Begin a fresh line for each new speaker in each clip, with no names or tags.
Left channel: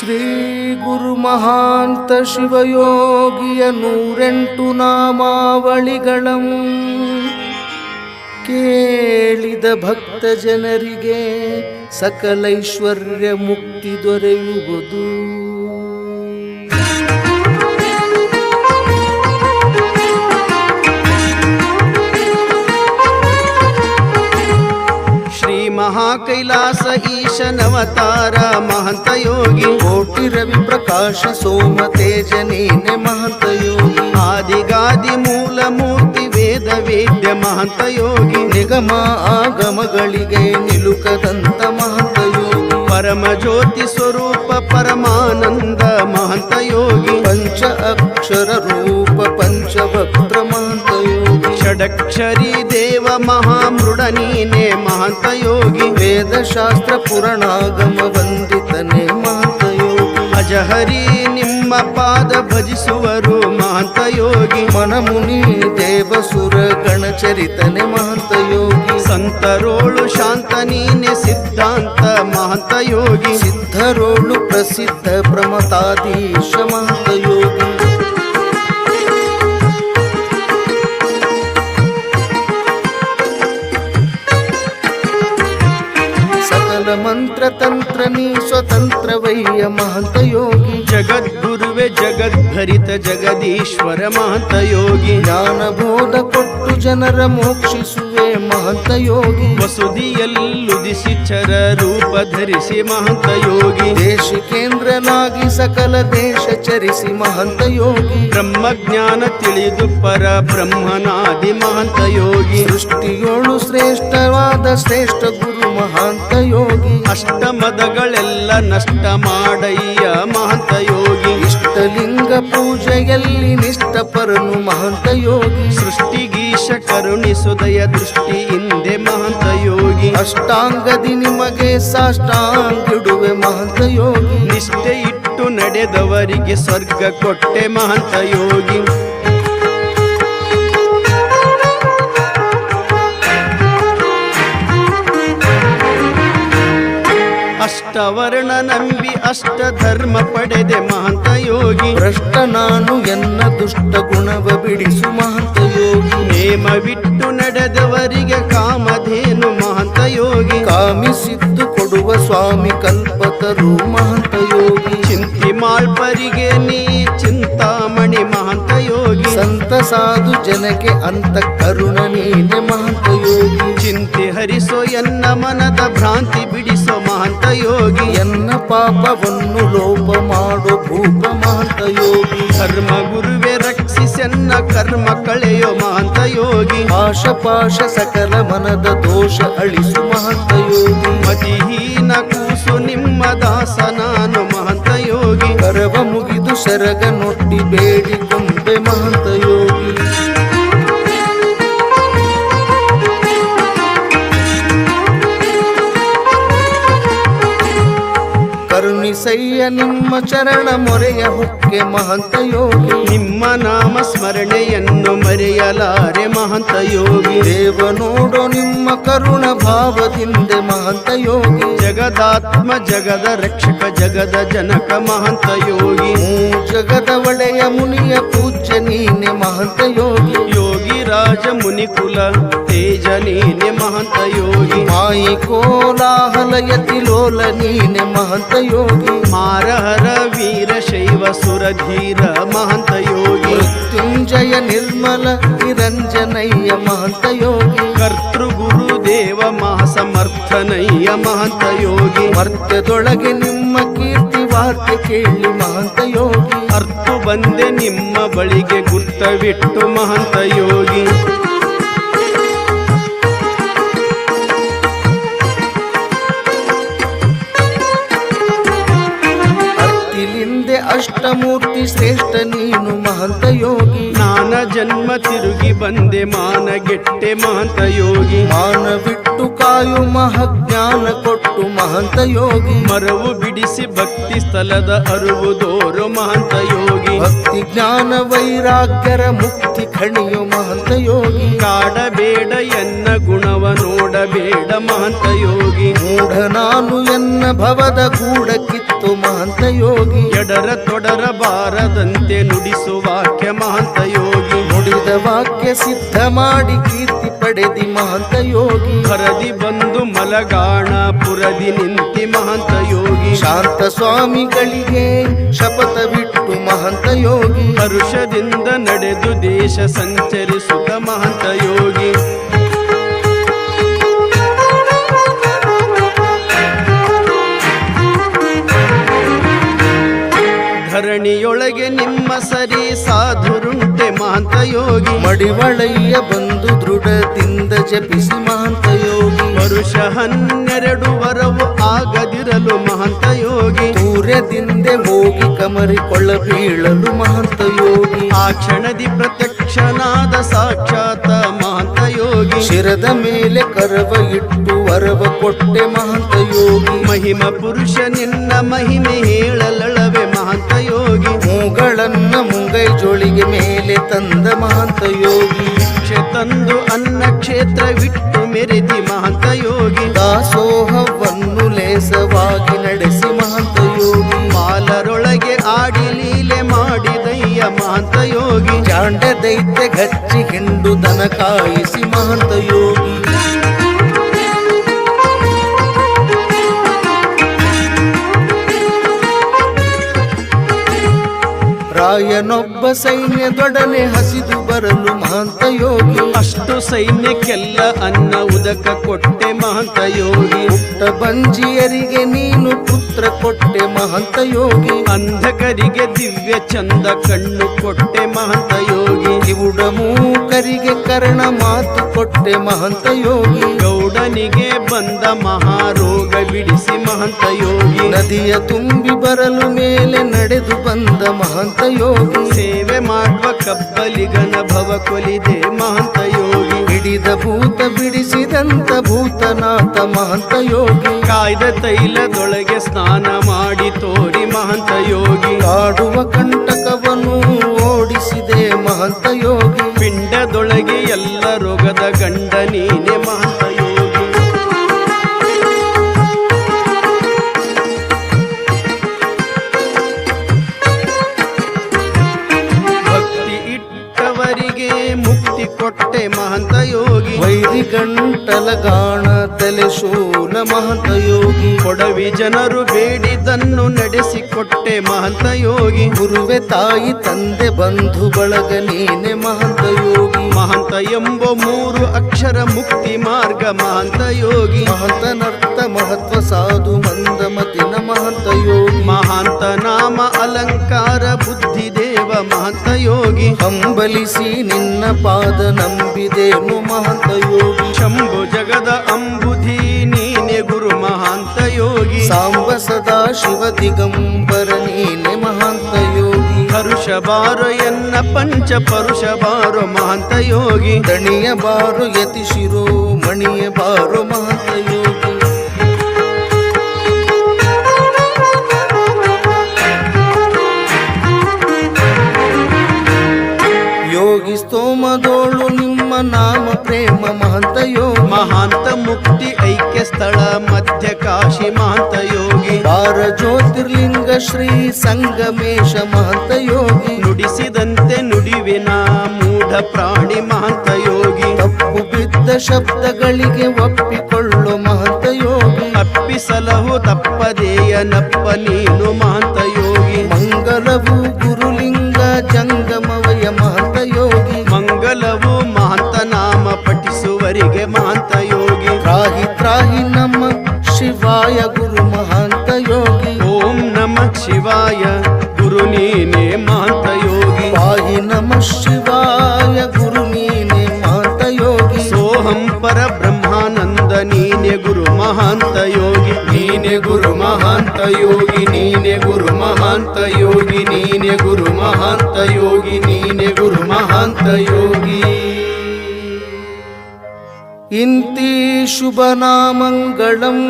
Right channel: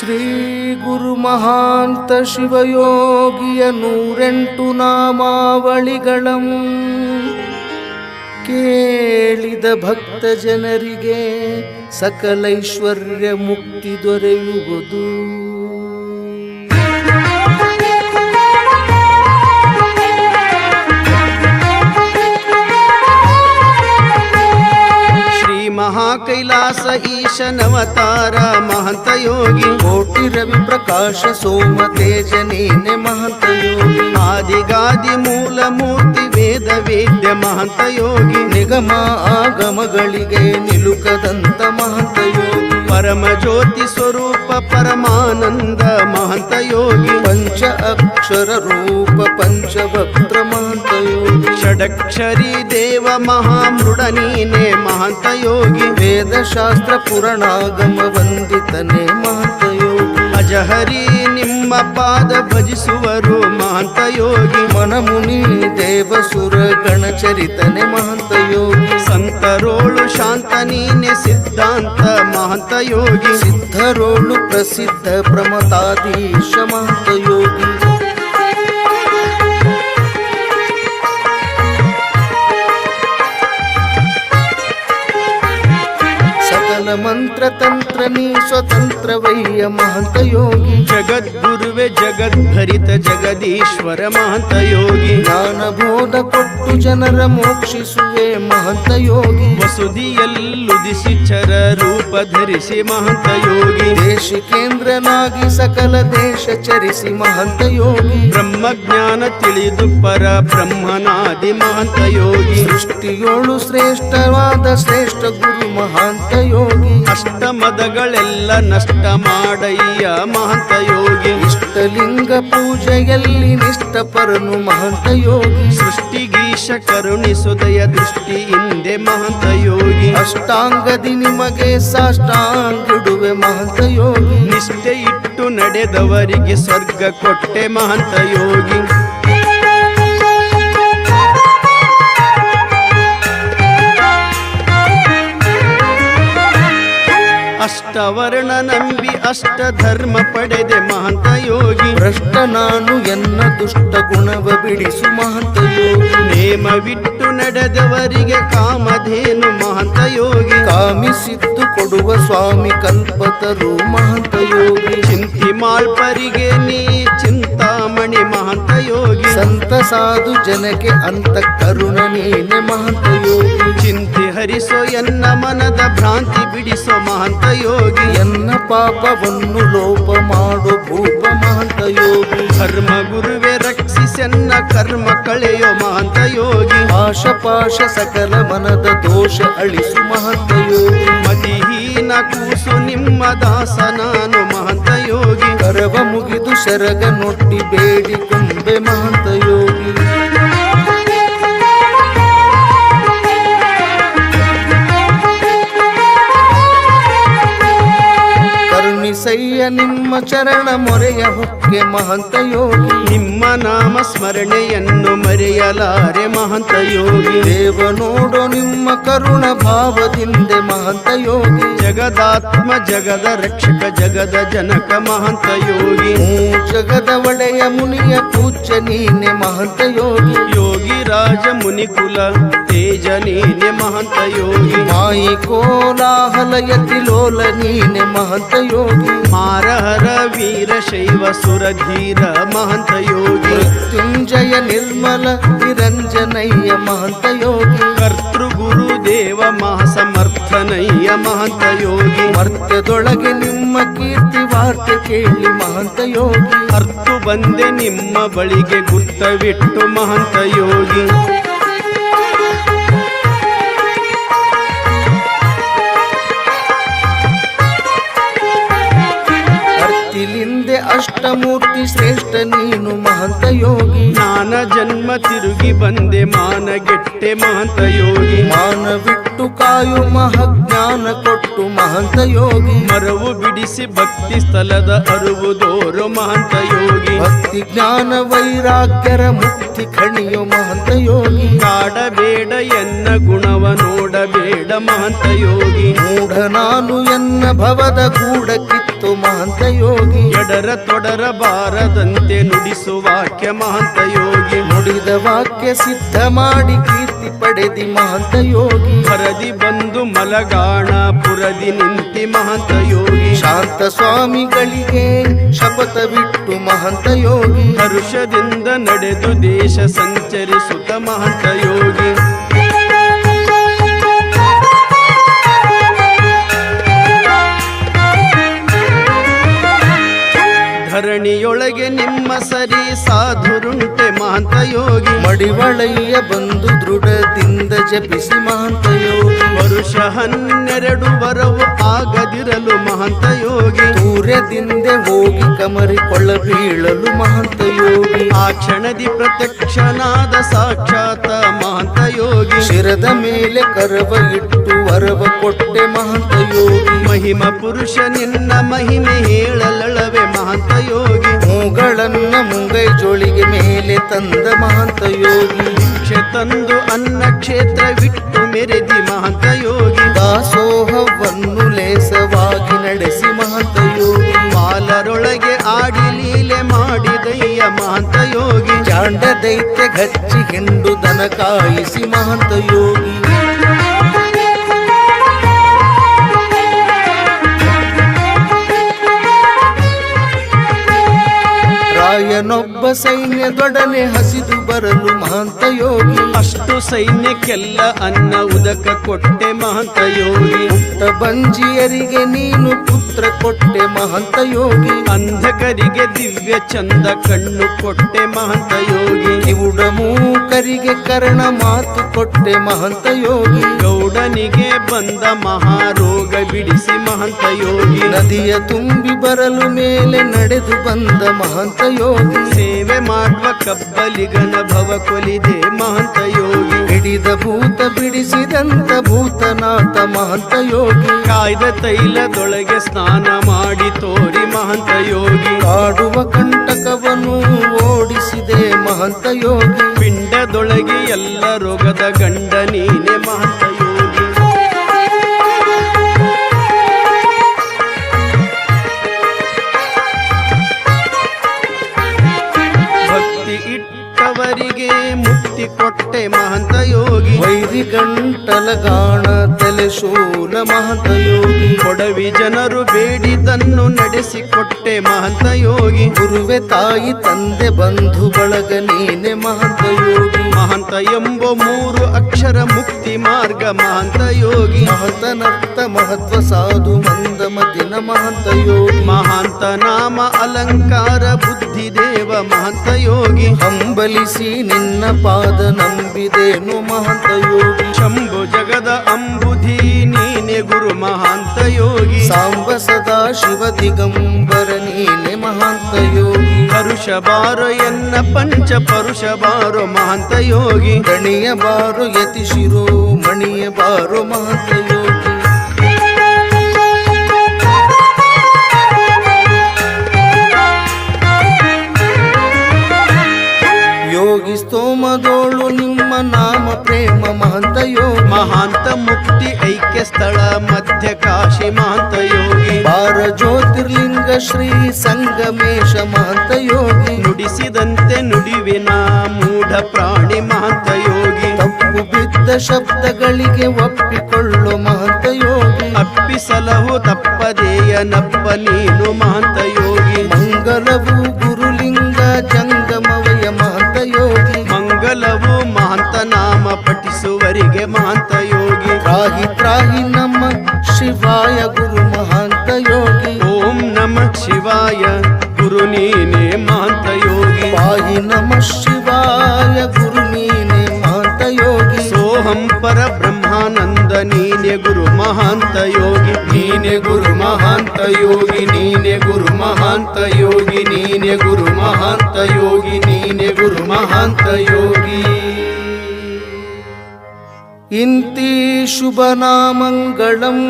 ಶ್ರೀ ಗುರು ಮಹಾಂತ ಶಿವಯೋಗಿಯ ನೂರೆಂಟು ನಾಮಾವಳಿಗಳಂ. ಕೇಳಿದ ಭಕ್ತ ಜನರಿಗೆ ಸಕಲೈಶ್ವರ್ಯ ಮುಕ್ತಿ ದೊರೆಯುವುದು.
ಮಹಾಕೈಲಾಸ ಈಶನವತಾರ ಮಹಂತ ಯೋಗಿ
ಕೋಟಿ ರವಿ ಪ್ರಕಾಶ ಸೋಮ ತೇಜ ನೀನೆ ಮಹಂತ ಯೋಗಿ
ಆದಿಗಾದಿ ಮೂಲ ಮೂರ್ತಿ ವೇದ ವೇದ್ಯ ಮಹಂತ ಯೋಗಿ
ನಿಗಮ ಆಗಮಗಳಿಗೆ ನಿಲುಕದಂತ ಮಹಂತ ಯೋಗಿ
ಪರಮ ಜ್ಯೋತಿ ಸ್ವರೂಪ ಪರಮಾನಂದ ಮಹಂತ ಯೋಗಿ.
ಪಂಚ ಅಕ್ಷರ ರೂಪ ಪಂಚಭಕ್ತ್ರ ಮಹಂತ ಯೋಗಿ.
ಷಡಕ್ಷರಿ ದೇವ ಮಹಾಮೃಡ ನೀನೆ ಮಹಂತ ಯೋಗಿ.
ವೇದ ಶಾಸ್ತ್ರ ಪುರಾಣಾಗಮ ವಂದಿತನೆ ಮಹಂತ ಯೋಗಿ
ಅಜಹರಿ ನಿಮ್ಮ ಪಾದ ಭಜಿಸುವರು ಮಹಂತ ಯೋಗಿ
ಮನಮುನಿ, ದೇವಸುರ, ಗಣಚರಿತನೆ ಮಹಂತ ಯೋಗಿ
ಸಂತರೋಳು, ಶಾಂತ ನೀನೆ, ಸಿದ್ಧಾಂತ ಮಹಂತ ಯೋಗಿ
ಸಿದ್ಧರೋಳು, ಪ್ರಸಿದ್ಧ ಪ್ರಮತಾಧೀಶ ಮಹಂತ ಯೋಗಿ ಸಕಲ ಮಂತ್ರ ತಂತ್ರ ನೀ ಸ್ವತಂತ್ರವಯ್ಯ ಮಹಂತ ಯೋಗಿ.
ಜಗದ್ಗುರುವೆ ಜಗದ್ಭರಿತ ಜಗದೀಶ್ವರ ಮಹಂತ ಯೋಗಿ.
ಜ್ಞಾನ ಬೋಧ ಕೊಟ್ಟು ಜನರ ಮೋಕ್ಷಿಸುವೆ ಮಹಂತ ಯೋಗಿ.
ವಸುದಿಯಲ್ಲುದಿಸಿ ಚರ ರೂಪ ಧರಿಸಿ ಮಹಂತ ಯೋಗಿ.
ದೇಶಿಕೇಂದ್ರನಾಗಿ ಸಕಲ ದೇಶ ಚರಿಸಿ ಮಹಂತ ಯೋಗಿ.
ಬ್ರಹ್ಮಜ್ಞಾನ ತಿಳಿದು ಪರ ಬ್ರಹ್ಮನಾದಿ ಮಹಂತ ಯೋಗಿ.
ಸೃಷ್ಟಿಯೋಳು ಶ್ರೇಷ್ಠವಾದ ಶ್ರೇಷ್ಠ ಗುರು ಮಹಾಂತ ಯೋಗಿ.
ಅಷ್ಟಮದಗಳೆಲ್ಲ ನಷ್ಟ ಮಾಡಯ್ಯ ಮಹಾಂತ ಯೋಗಿ.
ಇಷ್ಟಲಿಂಗ ಪೂಜೆಯಲ್ಲಿ ನಿಷ್ಠಪರನು ಮಹಾಂತ ಯೋಗಿ.
ಸೃಷ್ಟಿಗೀಶ ಕರುಣಿಸುದಯ ದೃಷ್ಟಿಯಿಂದೆ ಮಹಾಂತ ಯೋಗಿ.
ಅಷ್ಟಾಂಗದಿ ನಿಮಗೆ ಸಾಷ್ಟಾಂಗಿಡುವೆ ಮಹಾಂತ ಯೋಗಿ.
ನಿಷ್ಠೆ ಇಟ್ಟು ನಡೆದವರಿಗೆ ಸ್ವರ್ಗ ಕೊಟ್ಟೆ ಮಹಾಂತ ಯೋಗಿ. ಅಷ್ಟವರ್ಣ ನಂಬಿ ಅಷ್ಟ ಧರ್ಮ ಪಡೆದೆ ಮಹಂತ ಯೋಗಿ
ಭ್ರಷ್ಟ ನಾನು ಎನ್ನ ದುಷ್ಟ ಗುಣವ ಬಿಡಿಸು ಮಹಂತ ಯೋಗಿ
ನೇಮ ಬಿಟ್ಟು ನಡೆದವರಿಗೆ ಕಾಮಧೇನು ಮಹಂತ ಯೋಗಿ
ಕಾಮಿಸಿದ್ದು ಕೊಡುವ ಸ್ವಾಮಿ ಕಲ್ಪತರು ಮಹಂತ ಯೋಗಿ
ಚಿಂತಿ ಮಾಳ್ಪರಿಗೆ ನೀ ಚಿಂತಾಮಣಿ ಮಹಂತ ಯೋಗಿ
ಸಂತ ಸಾಧು ಜನಕ್ಕೆ ಅಂತ ಕರುಣ ನೀನೆ ಮಹಂತ ಯೋಗಿ
ಚಿಂತೆ ಹರಿಸೋ ಎನ್ನ ಮನದ ಭ್ರಾಂತಿ ಬಿಡಿಸೋ ಮಹಂತ ಯೋಗಿ
ಎನ್ನ ಪಾಪವನ್ನು ಲೋಪ ಮಾಡು ಭೂಪ ಮಹಂತ ಯೋಗಿ.
ಧರ್ಮ ಗುರುವೆ ರಕ್ಷಿಸೆನ್ನ ಕರ್ಮ ಕಳೆಯೋ ಮಹಂತ ಯೋಗಿ.
ಆಶ ಪಾಶ ಸಕಲ ಮನದ ದೋಷ ಅಳಿಸು ಮಹಂತ ಯೋಗಿ.
ಮತಿಹೀನ ಕೂಸು ನಿಮ್ಮ ದಾಸ ನಾನು ಮಹಂತ ಯೋಗಿ.
ಕರವ ಮುಗಿದು ಸರಗ ನೊಟ್ಟಿ ಬೇಡಿಕೊಂಡೆ ಮಹಂತ ಯೋಗಿ. ಕರುಣಿಸಯ್ಯ ನಿಮ್ಮ ಚರಣ ಮೊರೆಯ ಹೊಕ್ಕೆ ಮಹಂತ ಯೋಗಿ
ನಿಮ್ಮ ನಾಮ ಸ್ಮರಣೆಯನ್ನು ಮರೆಯಲಾರೆ ಮಹಂತ ಯೋಗಿ
ದೇವ ನೋಡೋ ನಿಮ್ಮ ಕರುಣ ಭಾವದಿಂದೆ ಮಹಂತ ಯೋಗಿ
ಜಗದಾತ್ಮ ಜಗದ ರಕ್ಷಕ ಜಗದ ಜನಕ ಮಹಂತ ಯೋಗಿ
ಜಗದ ಒಡೆಯ ಮುನಿಯ ಪೂಜ್ಯ ನೀನೆ ಮಹಂತ ಯೋಗಿ
ಯೋಗಿ ರಾಜ ಮುನಿಕುಲ. ತೇಜ ನೀನೆ ಮಹಂತ ಯೋಗಿ.
ಮಾಯಿ ಕೋಲಾಹಲಯತಿ ಲೋಲ ನೀನೆ ಮಹಂತ ಯೋಗಿ.
ಮಾರಹರ ವೀರ ಶೈವ ಸುರಧೀರ ಮಹಂತ ಯೋಗಿ.
ಮೃತ್ಯುಂಜಯ ನಿರ್ಮಲ ನಿರಂಜನಯ್ಯ ಮಹಂತ ಯೋಗಿ.
ಕರ್ತೃ ಗುರುದೇವ ದೇವ ಮಹಾಸಮರ್ಥನಯ್ಯ ಮಹಂತ ಯೋಗಿ.
ಮರ್ತ್ಯದೊಳಗೆ ನಿಮ್ಮ ಕೀರ್ತಿ ವಾರ್ತೆ ಕೇಳಿ ಮಹಂತ ಯೋಗಿ.
ಅರ್ತು ಬಂದೆ ನಿಮ್ಮ ಬಳಿಗೆ ಗುರ್ತವಿಟ್ಟು ಮಹಂತ ಯೋಗಿ.
ಅರ್ತಿಲಿಂದೆ ಅಷ್ಟಮೂರ್ತಿ ಶ್ರೇಷ್ಠ ನೀನು ಮಹಂತ ಯೋಗಿ.
ನಾನ ಜನ್ಮ ತಿರುಗಿ ಬಂದೆ ಮಾನಗೆಟ್ಟೆ ಮಹಂತ ಯೋಗಿ.
ಮಾನ ಬಿಟ್ಟು ಕಾಯು ಮಹಜ್ಞಾನ ಕೊಟ್ಟು ಮಹಂತ ಯೋಗಿ.
ಮರವು ಬಿಡಿಸಿ ಭಕ್ತಿ ಸ್ಥಳದ ಅರುವು ದೋರು ಮಹಂತ ಯೋಗಿ.
ಭಕ್ತಿ ಜ್ಞಾನ ವೈರಾಗ್ಯರ ಮುಕ್ತಿ ಖಣಿಯು ಮಹಂತ ಯೋಗಿ.
ಕಾಡಬೇಡ ಎನ್ನ ಗುಣವ ನೋಡಬೇಡ ಮಹಂತ ಯೋಗಿ.
ಮೂಢ ನಾನು ಎನ್ನ ಭವದ ಗೂಢ ಮಾಡಿತೋ ಮಹಂತ ಯೋಗಿ.
ಎಡರ ತೊಡರ ಬಾರದಂತೆ ನುಡಿಸು ವಾಕ್ಯ ಮಹಂತ ಯೋಗಿ.
ನುಡಿದ ವಾಕ್ಯ ಸಿದ್ಧ ಮಾಡಿ ಕೀರ್ತಿ ಪಡೆದಿ ಮಹಂತ ಯೋಗಿ.
ಹರದಿ ಬಂದು ಮಲಗಾಣ ಪುರದಿ ನಿಂತಿ ಮಹಂತ ಯೋಗಿ.
ಶಾಂತ ಸ್ವಾಮಿಗಳಿಗೆ ಶಪಥವಿಟ್ಟು ಮಹಂತ ಯೋಗಿ.
ಹರುಷದಿಂದ ನಡೆದು ದೇಶ ಸಂಚರಿಸುತ್ತ ಮಹಂತ ಯೋಗಿ. ಧರಣಿಯೊಳಗೆ ನಿಮ್ಮ ಸರಿ ಸಾಧುರುಂಟೆ ಮಹಂತ ಯೋಗಿ
ಮಡಿವಳಯ್ಯ ಬಂದು ದೃಢದಿಂದ ಜಪಿಸಿ ಮಹಂತ ಯೋಗಿ
ವರುಷ ಹನ್ನೆರಡು ವರವು ಆಗದಿರಲು ಮಹಂತ ಯೋಗಿ
ಸೂರ್ಯದಿಂದೆ ಹೋಗಿ ಕಮರಿಕೊಳ್ಳ ಬೀಳಲು ಮಹಂತ ಯೋಗಿ
ಆ ಕ್ಷಣದಿ ಪ್ರತ್ಯಕ್ಷನಾದ ಸಾಕ್ಷಾತ ಮಹಂತ ಯೋಗಿ
ಶಿರದ ಮೇಲೆ ಕರವ ಇಟ್ಟು ವರವ ಕೊಟ್ಟೆ ಮಹಂತ ಯೋಗಿ
ಮಹಿಮ ಪುರುಷ ನಿನ್ನ ಮಹಿಮೆ ಹೇಳಲಳವೆ ಮಹಂತ ಯೋಗಿ
ಮೂಗಳನ್ನ ಮುಂಗೈ ಜೋಳಿಗೆ ಮೇಲೆ ತಂದ ಮಹಾಂತ ಯೋಗಿ.
ಭಿಕ್ಷೆ ತಂದು ಅನ್ನ ಕ್ಷೇತ್ರವಿಟ್ಟು ಮೆರೆದಿ ಮಹಾಂತ ಯೋಗಿ.
ದಾಸೋಹವನ್ನು ಲೇಸವಾಗಿ ನಡೆಸಿ ಮಹಾಂತ ಯೋಗಿ.
ಮಾಲರೊಳಗೆ ಆಡಿ ಲೀಲೆ ಮಾಡಿ ಮಾಡಿದಯ್ಯ ಮಹಾಂತ ಯೋಗಿ.
ಚಾಂಡ ದೈತ್ಯ ಗಚ್ಚಿ ಹಿಂಡು ದನ ಕಾಯಿಸಿ ಮಹಾಂತ ಯೋಗಿ. ರಾಯನೊಬ್ಬ ಸೈನ್ಯದೊಡನೆ ಹಸಿದು ಬರಲು ಮಹಂತ ಯೋಗಿ.
ಅಷ್ಟು ಸೈನ್ಯಕ್ಕೆಲ್ಲ ಅನ್ನ ಉದಕ ಕೊಟ್ಟೆ ಮಹಂತ ಯೋಗಿ.
ಪುಟ್ಟ ಬಂಜಿಯರಿಗೆ ನೀನು ಪುತ್ರ ಕೊಟ್ಟೆ ಮಹಂತ ಯೋಗಿ.
ಅಂಧಕರಿಗೆ ದಿವ್ಯ ಚಂದ ಕಣ್ಣು ಕೊಟ್ಟೆ ಮಹಂತ ಯೋಗಿ.
ಕಿವುಡ ಮೂಕರಿಗೆ ಕರ್ಣ ಮಾತು ಕೊಟ್ಟೆ ಮಹಂತ ಯೋಗಿ.
ಗೌಡನಿಗೆ ಬಂದ ಮಹಾರೋಗ ಬಿಡಿಸಿ ಮಹಂತ ಯೋಗಿ.
ನದಿಯ ತುಂಬಿ ಬರಲು ಮೇಲೆ ನಡೆದು ಬಂದ ಮಹಂತ ಯೋಗಿ
ಸೇವೆ ಮಾಡುವ ಕಬ್ಬಲಿಗನ ಭವ ಕೊಲಿದೆ ಮಹಂತ ಯೋಗಿ.
ಹಿಡಿದ ಭೂತ ಬಿಡಿಸಿದಂತ ಭೂತನಾಥ ಮಹಂತ ಯೋಗಿ.
ಕಾಯ್ದ ತೈಲದೊಳಗೆ ಸ್ನಾನ ಮಾಡಿ ತೋರಿ ಮಹಂತ ಯೋಗಿ.
ಕಾಡುವ ಕಂಟಕವನ್ನು ಓಡಿಸಿದೆ ಮಹಂತ ಯೋಗಿ.
ಪಿಂಡದೊಳಗೆ ಎಲ್ಲ ರೋಗದ ಗಂಡ ನೀನೆ ಮಹಂತ ಯೋಗಿ. ಭಕ್ತಿ ಇಟ್ಟವರಿಗೆ ಮುಕ್ತಿ ಕೊಟ್ಟೆ ಮಹಂತ ಯೋಗಿ.
ವೈರಿ ಗಂಟಲ ಗಾಣ ತಲೆ ಶೂಲ ಮಹಂತ ಯೋಗಿ.
ಕೊಡವಿ ಜನರು ಬೇಡಿದನ್ನು ನಡೆಸಿಕೊಟ್ಟೆ ಮಹಂತ ಯೋಗಿ.
ಗುರುವೆ ತಾಯಿ ತಂದೆ ಬಂಧು ಬಳಗ ನೀನೆ ಮಹಂತ ಯೋಗಿ.
ಮಹಂತ ಎಂಬ ಮೂರು ಅಕ್ಷರ ಮುಕ್ತಿ ಮಾರ್ಗ ಮಹಂತ ಯೋಗಿ.
ಮಹಂತನರ್ಥ ಮಹತ್ವ ಸಾಧು ಮಂದಮತಿನ ಮಹಂತ ಯೋಗಿ.
ಮಹಾಂತ ನಾಮ ಅಲಂಕಾರ ಬುದ್ಧಿ ದೇವ ಮಹಂತ ಯೋಗಿ.
ಹಂಬಲಿಸಿ ನಿನ್ನ ಪಾದ ನಂಬಿದೇನು ಮಹಂತ ಯೋಗಿ
ಶಂಭು ಜಗದ ಅಂಬುಧಿ ನೀನೆ ಗುರು ಮಹಾಂತ ಯೋಗಿ
ಸಾಂಬ ಸದಾ ಶಿವ ದಿಗಂಬರ ನೀನೆ ಮಹಾಂತ ಯೋಗಿ
ಪರುಷ ಬಾರೋ ಎನ್ನ ಪಂಚ ಪರುಷ ಬಾರೋ ಮಹಾಂತ ಯೋಗಿ
ದಣಿಯ ಬಾರು ಯತಿ ಶಿರೋ ಮಣಿಯ ಬಾರು ಮಹಂತ ಯೋಗಿ ಯೋಗಿ ಸ್ತೋಮದೋಳು ನಿಮ್ಮ ನಾಮ ಪ್ರೇಮ ಮಹಂತ ಯೋಗಿ.
ಮಹಾಂತ ಮುಕ್ತಿ ಐಕ್ಯ ಸ್ಥಳ ಮಧ್ಯ ಕಾಶಿ ಮಹಾಂತ ಯೋಗಿ.
ಬಾರ ಜ್ಯೋತಿರ್ಲಿಂಗ ಶ್ರೀ ಸಂಗಮೇಶ ಮಹಾಂತ ಯೋಗಿ.
ನುಡಿಸಿದಂತೆ ನುಡಿವಿನ ಮೂಢ ಪ್ರಾಣಿ ಮಹಾಂತ ಯೋಗಿ.
ತಪ್ಪು ಬಿದ್ದ ಶಬ್ದಗಳಿಗೆ ಒಪ್ಪಿಕೊಳ್ಳು ಮಹಾಂತ ಯೋಗಿ.
ಅಪ್ಪಿಸಲವು ತಪ್ಪದೆಯ ನಪ್ಪ ನೀನು ಮಹಾಂತ ಯೋಗಿ.
ಮಂಗಲವು ಗುರುಲಿಂಗ ಜಂಗಮವಯ ಮಹಂತ ಯೋಗಿ.
ಮಂಗಲವು ಮಹಂತ ನಾಮ ಪಠಿಸುವರಿಗೆ ಮಹಂತ ಯೋಗಿ.
ತ್ರಾಹಿ ತ್ರಾಹಿ ನಮ್ಮ ಶಿವಾಯ ಗುರು ಮಹಂತ ಯೋಗಿ.
ಓಂ ನಮ ಶಿವಾಯ ಗುರು ನೀನೆ ಮಹಂತ ಯೋಗಿ.
ಪಾಹಿ ನಮ ಶಿವಾಯ ಗುರು ನೀನೆ ಮಹಾಂತ
ಪರ ಬ್ರಹ್ಮಾನಂದ ನೀನೆ ಗುರು ಮಹಾಂತ ಯೋಗಿ. ನೀನೆ ಗುರು ಮಹಾಂತ ಯೋಗಿ ನೀನೆ ಗುರು ಮಹಾಂತ ಯೋಗಿ ನೀನೆ ಗುರು ಮಹಾಂತ ಯೋಗಿ ನೀನೆ ಗುರು ಮಹಾಂತ ಯೋಗಿ.
ಇಂತಿ ಶುಭನಾಮಂಗಳಂ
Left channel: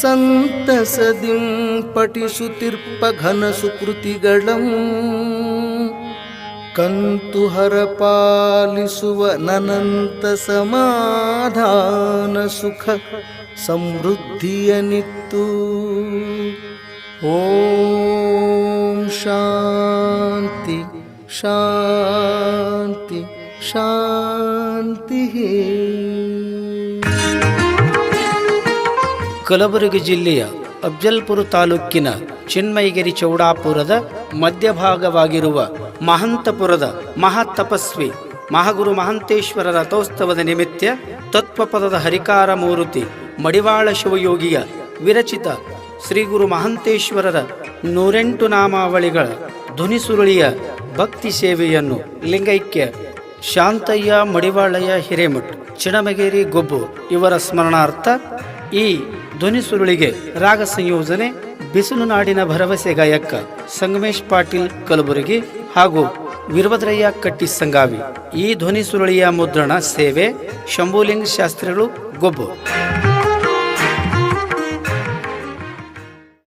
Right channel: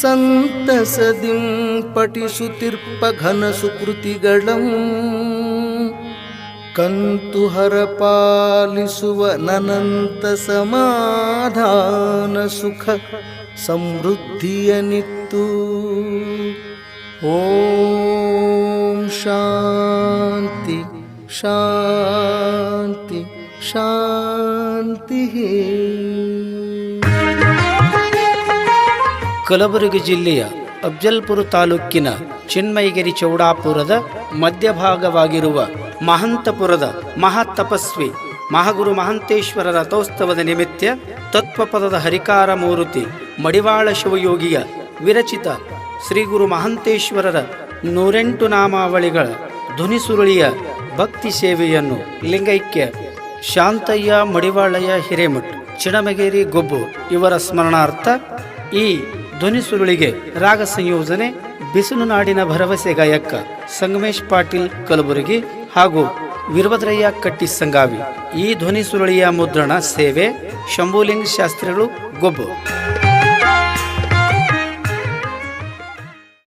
ಸಂತಸದಿಂ ಪಠಿಸುತ್ತಿರ್ಪ ಘನ ಸುಕೃತಿಗಳಂ ಕಂತು ಹರ ಪಾಲಿಸುವ ನನಂತ ಸಮಾಧಾನ ಸುಖ ಸಮೃದ್ಧಿಯನಿತ್ತು ಓಂ ಶಾಂತಿ ಶಾಂತಿ ಶಾಂತಿ
ಕಲಬುರಗಿ ಜಿಲ್ಲೆಯ ಅಫ್ಜಲ್ಪುರ ತಾಲೂಕಿನ ಚಿನ್ಮಯಗಿರಿ ಚೌಡಾಪುರದ ಮಧ್ಯಭಾಗವಾಗಿರುವ ಮಹಂತಪುರದ ಮಹಾತಪಸ್ವಿ ಮಹಾಗುರು ಮಹಂತೇಶ್ವರ ರಥೋತ್ಸವದ ನಿಮಿತ್ತ ತತ್ವಪದದ ಹರಿಕಾರ ಮೂರುತಿ ಮಡಿವಾಳ ಶಿವಯೋಗಿಯ ವಿರಚಿತ ಶ್ರೀ ಗುರು ಮಹಂತೇಶ್ವರರ ನೂರೆಂಟು ನಾಮಾವಳಿಗಳ ಧ್ವನಿಸುರುಳಿಯ ಭಕ್ತಿ ಸೇವೆಯನ್ನು ಲಿಂಗೈಕ್ಯ ಶಾಂತಯ್ಯ ಮಡಿವಾಳಯ್ಯ ಹಿರೇಮಠ್, ಚಿಣಮಗೇರಿ ಗೊಬ್ಬು ಇವರ ಸ್ಮರಣಾರ್ಥ ಈ ಧ್ವನಿ ಸುರುಳಿಗೆ ರಾಗ ಸಂಯೋಜನೆ, ಬಿಸಿಲು ನಾಡಿನ ಭರವಸೆ ಗಾಯಕ ಸಂಗಮೇಶ್ ಪಾಟೀಲ್ ಕಲಬುರಗಿ ಹಾಗೂ ವೀರಭದ್ರಯ್ಯ ಕಟ್ಟಿ ಸಂಗಾವಿ. ಈ ಧ್ವನಿ ಸುರುಳಿಯ ಮುದ್ರಣ ಸೇವೆ, ಶಂಭುಲಿಂಗ್ ಶಾಸ್ತ್ರಿಗಳು, ಗೊಬ್ಬು.